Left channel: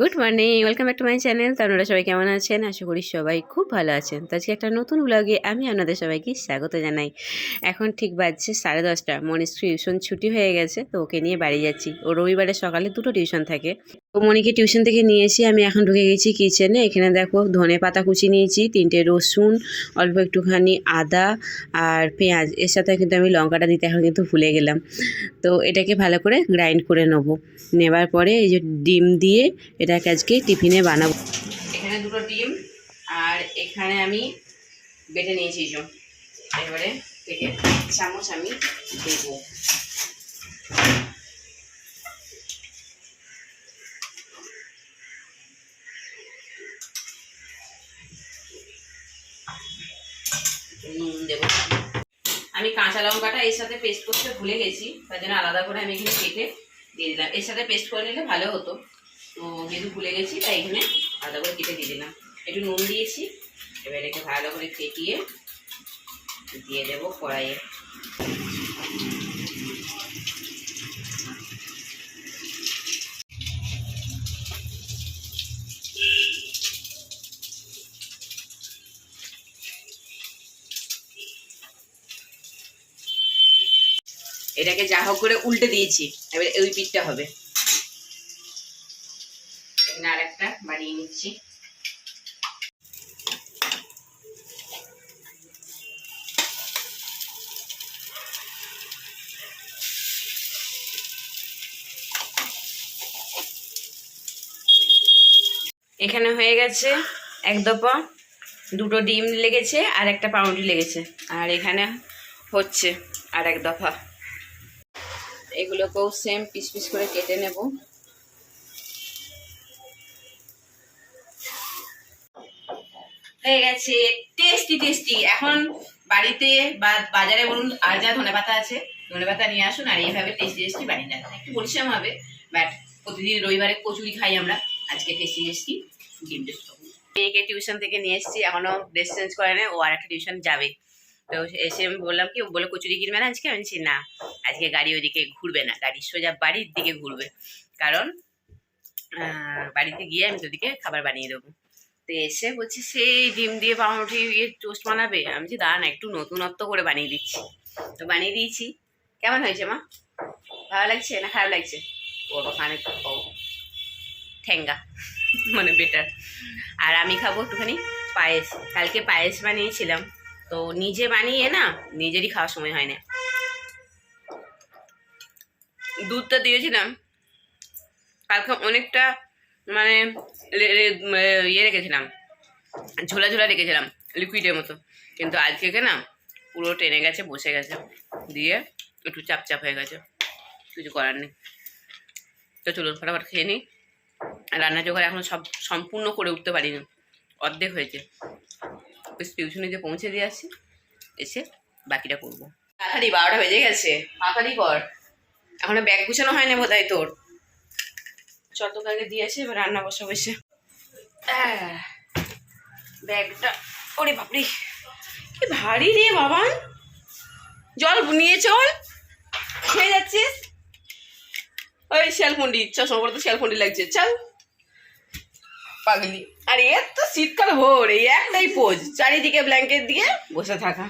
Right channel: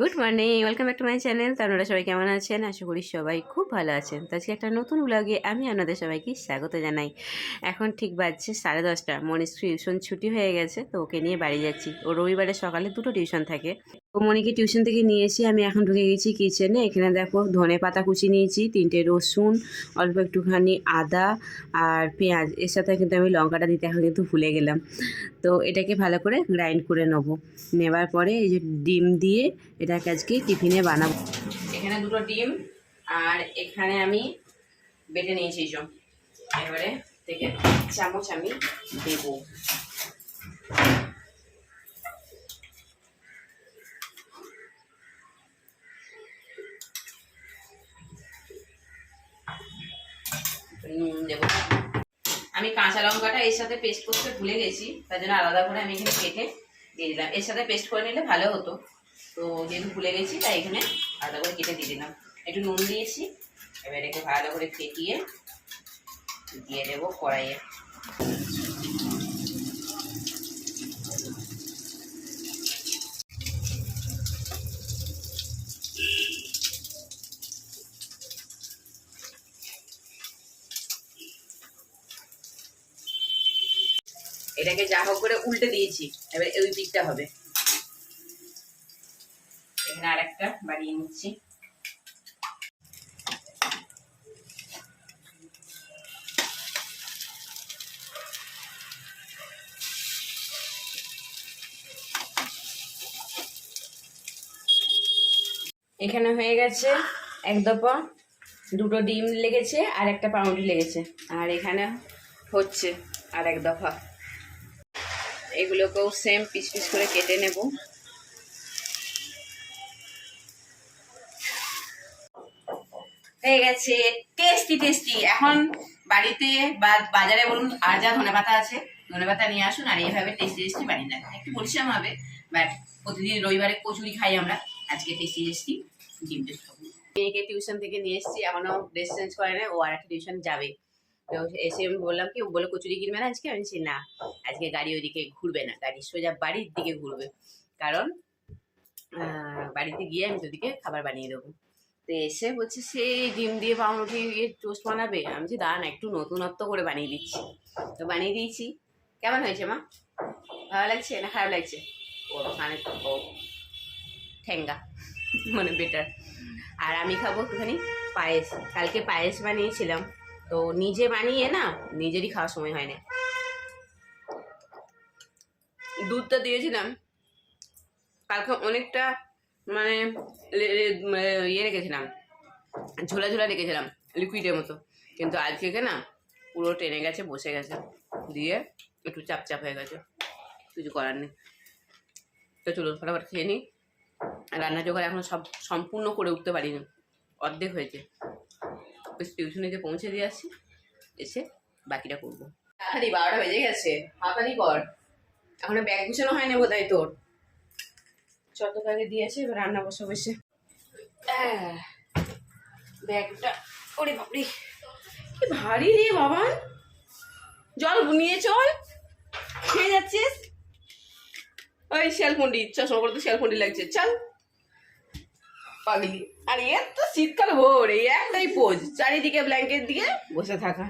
Good morning welcome back to my channel তো আপনারা সবাই কেমন আছেন? আশা করি সবাই খুব ভালো আছেন। তো আজকে একটা নতুন ব্লগে আমি আপনাদের সবাইকে স্বাগত জানাই। এখন ঠিক বাজছে সাড়ে দশটা। মনির টিউশন ছুটি হয়ে গেছে, তো ওকে নিয়ে বাড়ি যাচ্ছি। ও রবিবারে সকালে দুটো টিউশন থাকে। তো মনিকে টিউশন থেকে নিয়ে এসে আমি এখন ঢুকে গেছি কিচেনে এখানে দেখো ধনে পাতা কুচি নিয়েছি, তিনটে রসুন, অল্প একটুখানি আদা আর পেঁয়াজ। এর সাথে কিন্তু আমি লঙ্কাটা দিতে এখন কিন্তু ভুলে গেলাম। তো এটাকে ভালো করে গ্রাইন্ড করে নেব। নেবার পরে এই যে ডিম দিয়ে এটাকে আজকে টিফিনে বানাবো। এখানে দুটো ডিম, আর এখানে আমি বেটে নিয়েছি এবারে থেকে চামচ আমি দেবো। নুন দেবো। আমি কাঁচা লঙ্কাটা এর সাথে পেস্ট করতে ভুলে গেছি, তার জন্য আলাদা করে আমি এখানে কেটে দিয়ে দিলাম। এর সাথে পেস্ট করে নিলে ভালো হতো। তো যেহেতু ভুলে গেছি, তাই এখানে আলাদা করে কেটে দিয়ে দিলাম। একটু নুন দিয়েছি, এবার একে ভালো করে ফেটিয়ে দিয়ে দেবো কড়াইয়ে। এটাকে যা হোক করে উল্টে দিয়েছি, এবার ওই পিঠটা হবে এখানে আরেকটা নিচ্ছি এখানে হয়ে গেছে এক দফা দুটো ডিম লেগেছে আর একটা পাউরুটি লেগেছে। আর এখানে হচ্ছে আর এক দফা। এগুলোকেও সেম পিস পিস করে কেটে নেব। হয়ে গেছে। টেস্টি টেস্টি এখন বাড়িতে বা বাজারে বলুন, আর যা ধনে পাতা আছে, ধনে পাতা নিয়ে আসুন আর এইভাবে টেস্টি টেস্টি বানিয়ে নেন। একটু পরিশ্রম হবে বাট প্রতিদিন রবিবারে কচুরি খাই আমরা। আজকে টেস্টি টেস্টি ডিম টেস্ট খাব মেয়েকে টিউশন থেকে নিয়ে এসেছি, এখনও ড্রেস চেঞ্জ করে নেয় ও আর একটা টিউশন যাবে। তো এসে আমি বললাম কি বলে কচুরি কিনবে না আজকে? আমি না, আজকে গাড়ি ওইদিকে ঘুরবে না। গাড়ি সোজা বাড়ির দিকে ঘুরবে। কারণ বাড়িতে গিয়ে আমি তোদিকে খাবার বানিয়ে দেবো। তো এসে বলছি সেই ডিম দিয়ে পাউরুটি ইয়ে টোস্ট বানাবে? আমি বলছি, দাঁড়ান একটু নতুনত্ব করে বানিয়ে দিচ্ছি। তো বানিয়ে দিয়েছি। কেমন হয়েছে মা? ভালো লাগছে না খারাপ লাগছে? ও মানে ও ঠেঙ্গা মানে বেটার আর আমি খাব একটুখানি পায়েস। কালকে পায়েস বানিয়েছিলাম। তো নিজে বানিয়ে না, নিজেরই খাওয়ার সময় হয় না। দুধটা দিয়েছিলাম। কালকে অনেকটা মানে ইয়ে রেখেছিলাম। ঝোলা ঝোলা রেখেছিলাম লিকুইডের মতো। কিন্তু আজকে না, পুরো টেনে গেছে, বসে গেছে। দিয়ে একটু চাপ চাপ হয়ে গেছে। কিছু করার নেই। তো চলুন, ফটাফট খেয়ে নিই। রান্না জোগাড় এখন সব সম্পূর্ণ করে উঠতে পারিনি। অর্ধেক হয়েছে। টিউশনিতে পৌঁছে দিয়ে আসছি এসে বাকিটা করব। তাড়াতাড়ি বারোটা বেজে গেছে। তাড়াতাড়ি কর এখনও ব্যাগ গুছানো হয়নি বোধ হয় তোর? যত আগে দিয়ে আসি এবার রান্না বসে বসে। আহ, ব্যাগটা ওরে বাপরে কি ভারী রে বাবান। জল নিয়ে চল। খেয়ে যাচ্ছিস? ওই শিয়ালকুন্ডি চশমা পরে তো শিয়ালকুন্ডি লাগছে চল। পাগলি। আর এর তো শীতকাল ভোর এই একটাই পোজ চারিদিকে ব্ল্যাঙ্কেট দিয়ে বসে থাকা।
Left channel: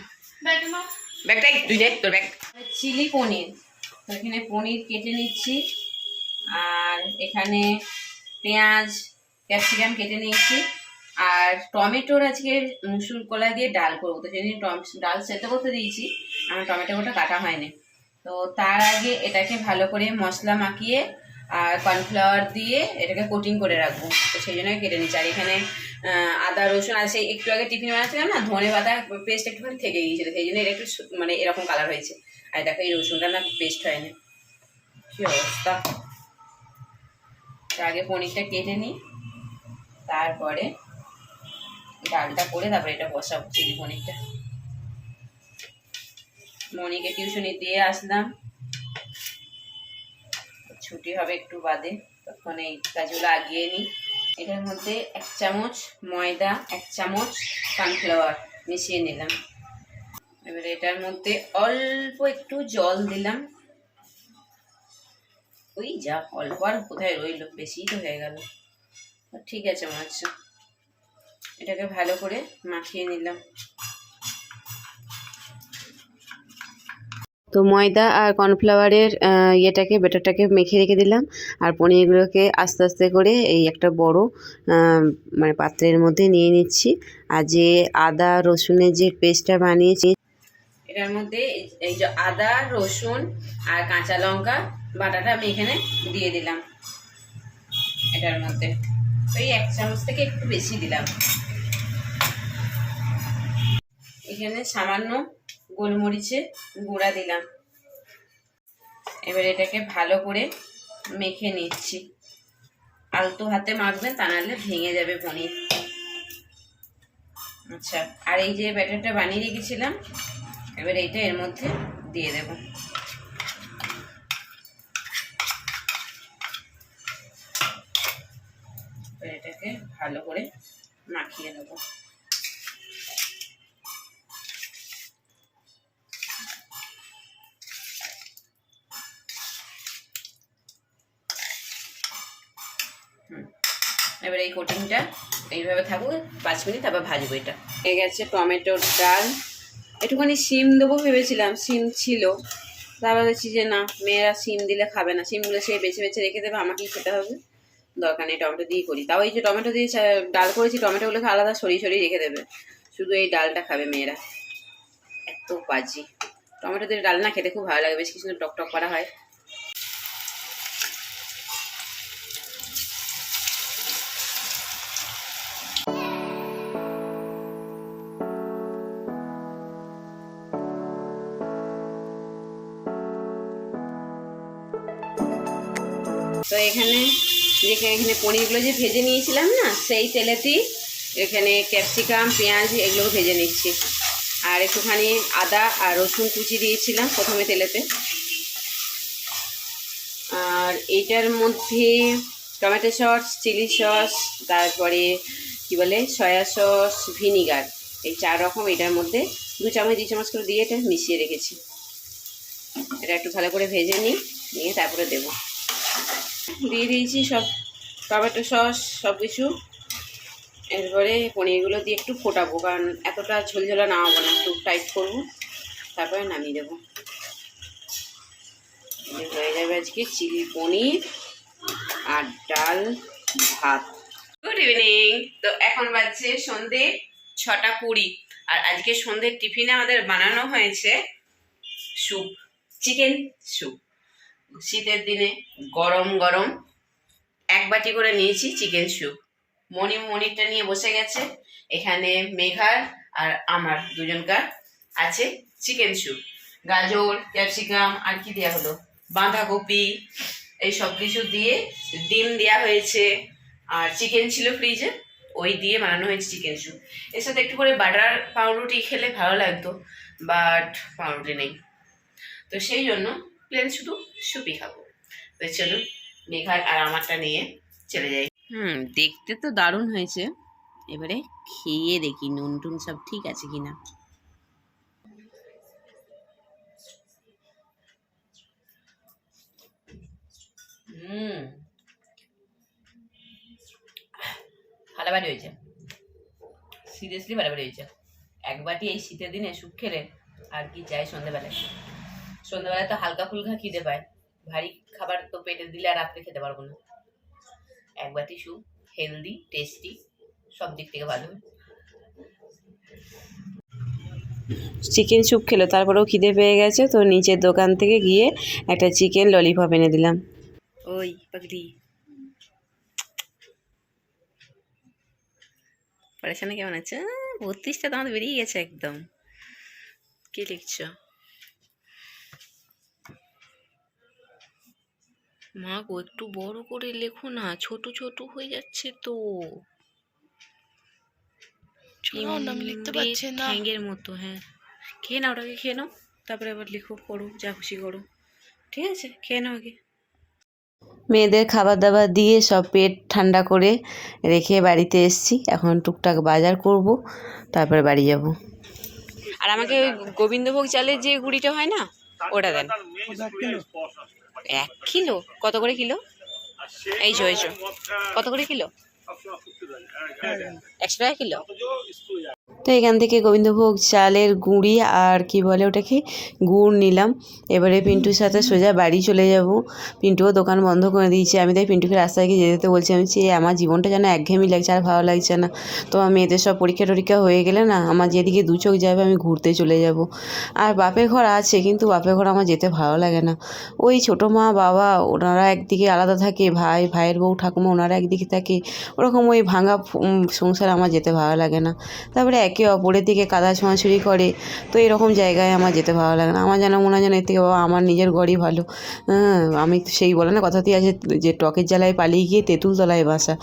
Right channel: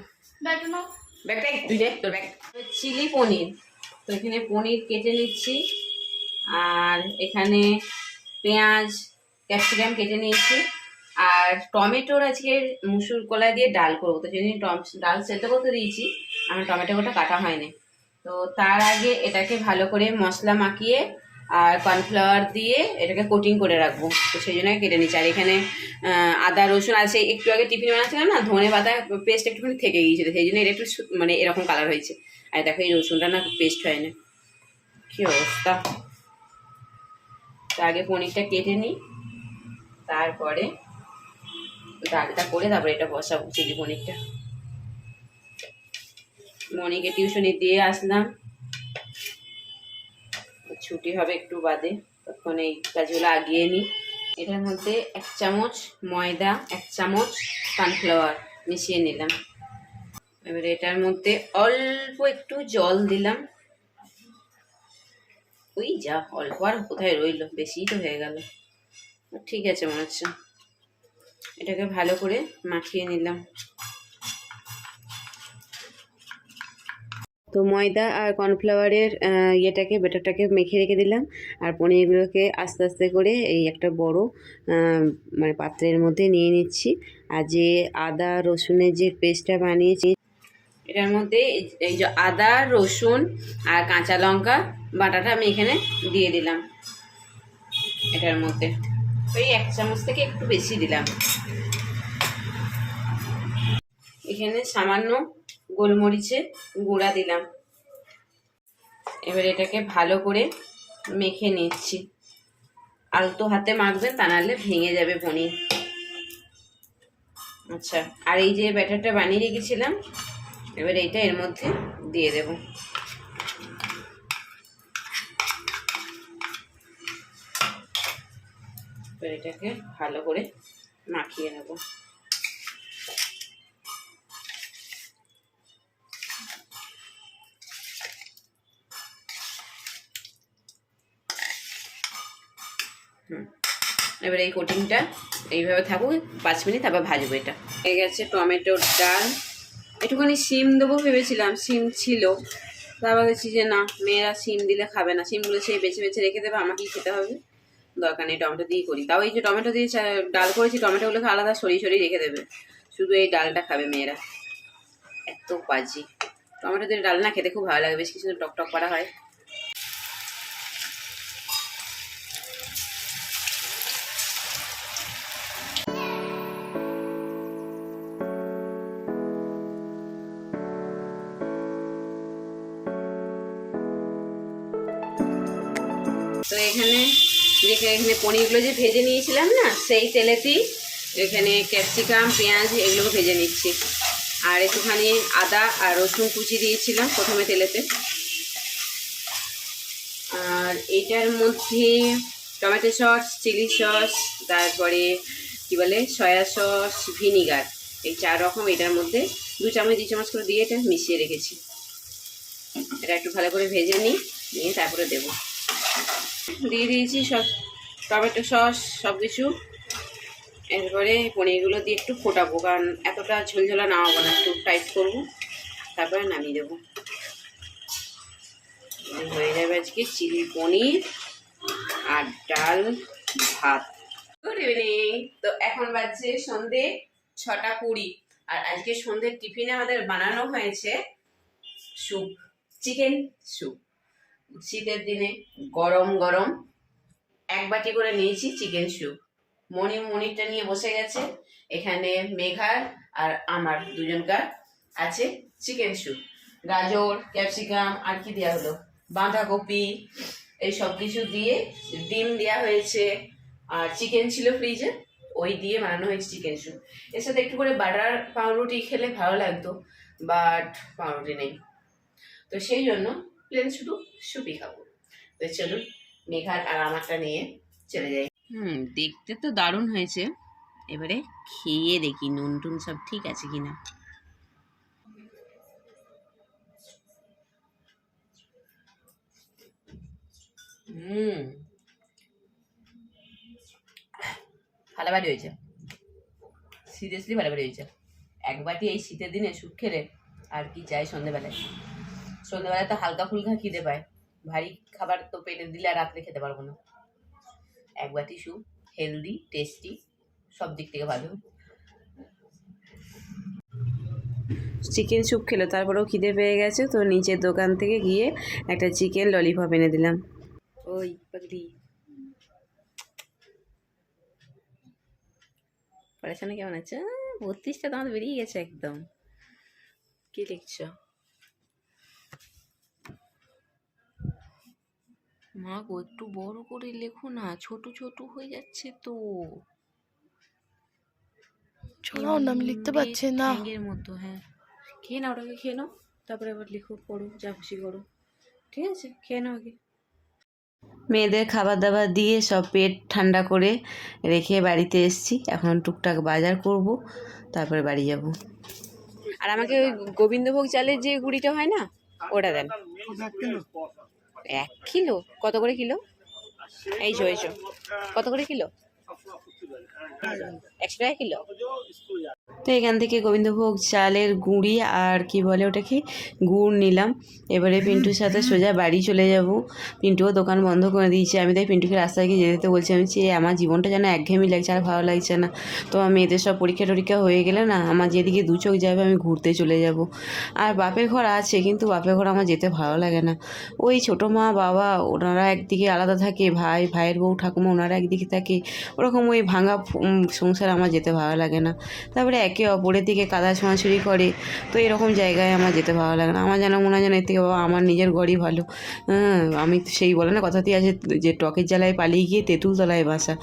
ব্যাগটা তুই নে তোর ব্যাগ। চিলি পনির। তো এখানে পনির কেটে নিচ্ছি। এখানে পেঁয়াজ, ক্যাপসিকাম কেটে নিয়েছি। আর টমেটোর আজকে মুসুর কলা দিয়ে ডাল করব। তো সেদিন টম- ডাল সেদ্ধ করতে দিয়েছি, আমার টমেটোটা কাটা হয়নি। তো তার আগে এটাকে ভালো করে মশলা মাখিয়ে আর কর্নফ্লাওয়ার দিয়ে এটাকে কোটিং করে রাখব। তো সেই জন্য কেটে নিচ্ছি আর এখানে আদা, রসুন, আর সেই একটু আগে টিফিন বানাচ্ছিলাম না, ধনে পাতা পেস্ট একটুখানি থেকে গিয়েছিল। সেই জন্য এটা একটু মানে এরকম কালার হয়েছে। আর দেখো এই রসুনটা না পেস্ট হয় না কি অবস্থা? তা আগে পনিরটা কেটে নিই। তারপরে ডালটা করে তারপরে এটা বসাবো চিলি পনিরটা। মনিকে টিউশনি দিয়ে আসলাম। ছুটি হবে একটু বাদে, তখন এই কাজগুলো আগিয়ে নিই। এটার মধ্যে এক চামচ ময়দা, এক চামচ সানফ্লাওয়ার মিশিয়ে নিলাম। এবারে এটার মধ্যে অল্প একটু জল দিলাম। ওই যা, অল্প আর কোথায় রইল, বেশিই তো হয়ে গেল। ঠিক আছে মনে হচ্ছে। এটাকে ভালো করে মাখিয়ে নিলাম। তো ময়দা আর কর্নফ্লাওয়ারের ইয়েটাকে বেটারটাকে মেখে রেখে দিলাম। আর পনিরগুলোকে আস্তে আস্তে করে এই একটা বড় মানে পাত্রের মধ্যে নিয়ে নিচ্ছি। আর যে আদা, রসুনের যে পেস্টটা বানিয়েছি এটার মধ্যে এই- যে আদা, রসুন আর কাঁচা লঙ্কা বাটাটা আমি এখানে দিয়ে দিলাম এটার মধ্যে। ওই এক চামচ থেকে একটু বেশি দিলাম। এখানে সামান্য গোলমরিচের গুঁড়া দিলাম। এবার এটাকে ভালো করে মেখে নিচ্ছি। আলতো হাতে মাখবেন, তা নাহলে ভেঙে যাবে পনির আচ্ছা আর এই যে ব্যাটারটা বানিয়ে রেখেছিলাম এবার এইটা এর মধ্যে দিয়ে দেব। এবার এটাকে ভালো করে মাখিয়ে নেব। এবার এই কোটিংটা এইভাবে থাকুক, পাঁচ মিনিট, তারপর ভাজবো এটা। হয়ে গেছে টমেটোর ডাল। একটুখানি সিম দেবো ভেবেছিলাম সিম ছিল। তারপর দেখছি যে না, মেয়েরা সিম দিলে খাবে না সিমগুলো সেই বেছে বেছে রেখে দেবে, আমাকেই খেতে হবে। দরকার নেই, টমেটো দিয়ে করি। তাও এই যে টমেটো দিয়ে ডাল করেছি, টমেটোগুলোকে আলাদা সরিয়ে সরিয়ে রেখে দেবে। শুধু এই ডালটা খাবে মেয়েরা। এত বাজি। টমেটো দিয়ে ডাল না খেতে খুব ভালো লাগে, বেশ কিছু টক টক করা হয়। তো এখানে যেখানে এখানে পনিরগুলো যে ভেজে নিয়েছিলাম না, সেই তেলেতেই এখানে ক্যাপসিকাম, পেঁয়াজ এগুলোকে ভেজে নিচ্ছি। আর একটুখানি আদা আর রসুন কুচি দিয়েছিলাম প্রথমে তেলেতে। আর এইটার মধ্যে টমেটো সস, চিলি সস, তারপরে কি বলে, সয়া সস, ভিনিগার, এই চার রকম এটার মধ্যে দু চামচ দু চামচ করে দিয়ে এটা মিশিয়ে রেখেছি। এটা একটু ভালো করে ভেজে নিই, নিয়ে তারপরে দেবো। দিয়ে দিয়েছি সব টমেটো সস সব কিছু এরপরে পনিরগুলো দিয়ে একটু ফোটাবো, কারণ এতটা ঝোলঝোলা নামাবো না, একটু টাইট করব। তারপরে নামিয়ে দেবো। হয়ে যাবে আজকে চিলি পনির আর ডাল ভাত। গুড ইভিনিং তো এখন বাজছে সন্ধে ছটা কুড়ি, আর আজকে সন্ধ্যের টিফিনে আমাদের বানানো হয়েছে স্যুপ চিকেন স্যুপ শীতের দিনে গরম গরম এক বাটি করে নিয়েছি চিকেন স্যুপ। মনি মনিরটা নিয়ে বসে গেছে। এখানে মেঘার আর আমার দুজনকার আছে চিকেন স্যুপ। গাজর, ক্যাপসিকাম আর কি দেওয়া হলো? বাঁধাকপি, এই সব কিছু দিয়ে ডিম দেওয়া হয়েছে। আর চিকেন ছিল ফ্রিজে, ওই দিয়ে বানানো হয়েছে চিকেন স্যুপ। এর সাথে একটু করে বাটার পাউরুটি খেলে ভালো লাগতো, বাট পাউরুটি নেই। তো সেই জন্য প্লেন শুধু সুপি খাব। তো চলুন মেঘার আর আমারটা নিয়ে চলে যাই। হুম দেখতে তো দারুণ হয়েছে। এবারে খেয়ে দেখি নুন টুন সব ঠিক আছে কিনা। হুম। ফাটাফাটি হয়েছে। সিরিয়াসলি ফাটাফাটি হয়েছে। এক বাটি এই শীতের দিনে স্যুপ খেলে আর কি চাই সন্ধেবেলায়। সন্ধ্যাবেলায় তো হালকা ফুলকা খিদে পায়। ভারী খাবার তো পেটে দিলে আর রাত্রে খেতে পারব না। এক বাটি স্যুপ হেলদি টেস্টি সব দিক থেকে ভালো। চিকেন স্যুপ খেলো তারপরেও খিদে পেয়ে গেছে তো নিচের দোকান থেকে গিয়ে একটা চিকেন ললিপপ এনে দিলাম। ওই পাগলি। পড়াশোনা কেমন আছে? বত্রিশটা তো আমাদের বেরিয়ে গেছে একদম। কি লিখছো? মা গো একটু বড় করে লেখো না ছোট ছোট হয়ে যাচ্ছে তো। আমি লিখতে পারছি না। ঠ্যাঙ্গের মতো হ্যাঁ। খেয়ে নাও ওটাকে খেয়ে নাও তারপরে আবার লিখো পড়ো যা খুশি করো। ঠিক আছে? খেয়ে নাও আগে। মেয়েদের খাবার দাবার দিয়ে সব পেট ঠান্ডা করে রেখে বাড়িতে এসছি। এখন টুকটাক বাজার করব তারপরে বাড়ি যাব। আর আমাকে ওই গোবিন্দভোগ চালের যে গুঁড়িটা হয় না ওটা দেন। এক কিলো? কত করে কিলো? এই যে এই যে। কত করে কিলো? একশো টাকা কিলো? তো এখান থেকে গোবিন্দভোগ চালের গুঁড়ি আর কি বলে ওটাকে, গুড় নিলাম। এবারে পিন্টুর সাথে সোজা বাড়ি চলে যাব। পিন্টুও দোকান বন্ধ করে দিয়েছে। আমি তাই পিন্টুকে রাস্তায় গিয়ে যেতে বলছি, আমি যে আমার জীবনটা যেন একঘেয়েমি লাগছে, আর ভালো লাগছে না। তো আমার মেয়েদের সব পরীক্ষা টরীক্ষা হয়ে গেলে না, আমার যেদিকে দু চোখ যাবে, আমি ঘুরতে চলে যাব। আর বাপের ঘর আছে, কিন্তু বাপের ঘর আমার যেতে ভালো লাগে না। ওই ছোটো মা, বাবা, ওনারা একদিকে আলাদা থাকে, ভাই, ভাইয়ের বউ, ঠাকুমা, ওনারা একদিকে থাকে। ওরকম ওই ভাঙা সংসার আমার যেতে ভালো লাগে না। তারপরে একে অপরের দিকে কাদা ছোঁয়াছুড়ি করে। তো এরকম জায়গায় আমার যেতে ভালো লাগে না। আমার যেন মনে হয় যেন এর থেকে বাবা আমার নিজের ঘরই ভালো। হ্যাঁ আমি সেই বলে না কথাতেই আছে যে টকের জ্বালায় পালিয়ে গিয়ে তেঁতুল তলায় বাসা।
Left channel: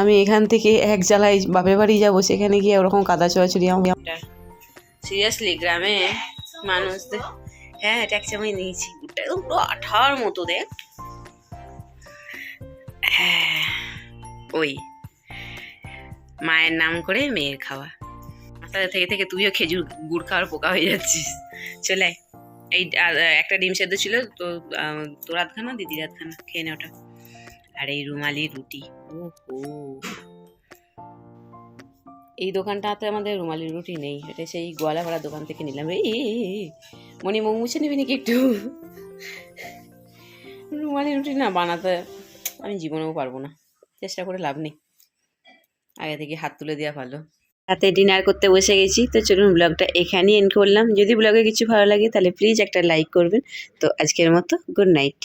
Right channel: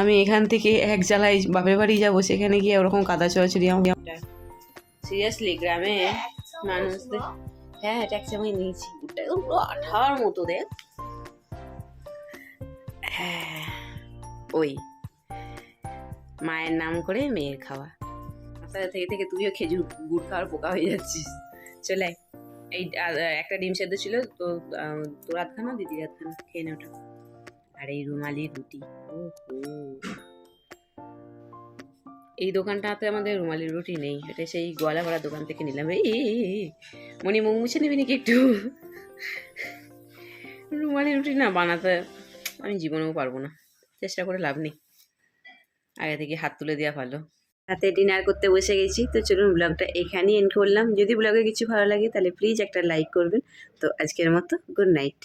আমি এখান থেকে এক জ্বালায় বাপের বাড়ি যাব, সেখানে গিয়ে ওরকম কাদা ছোড়াছুড়ি আমার সিরিয়াসলি গ্রামে মানুষদের হ্যাঁ এটা এক চামচ নিয়েছি। একদম পুরো আঠার মতো দেখ। হ্যাঁ ওই মায়ের নাম করে মেয়ের খাওয়া। মাথায় থেকে থেকে তুইও খেজুর গুড় খাওয়ার পোকা হয়ে যাচ্ছিস। চলে এই একটা ডিম সেদ্ধ ছিল তো তোর আধখানা দিদির আধখানা খেয়ে নে ওটা। আর এই রুমালি রুটি ও হো এই দোকানটাতে আমাদের রুমালি রুটি নেই এটা সেই গোয়ালাপাড়ার দোকান থেকে নিলাম। এই এই, মুখ মুছে নিবি নাকি একটু? রুমালি রুটি না বানাতে আমি জীবনেও পারব না। চেষ্টা করে লাভ নেই। আগে থেকে হাত তুলে দেওয়া ভালো। রাতে ডিনার করতে বসে গেছি। তো চলুন ব্লগটা এখানেই এন্ড করলাম। যদি ব্লগে কিছু ভালো লাগে তাহলে প্লিজ একটা লাইক করবেন। তো আজকের মতো গুড নাইট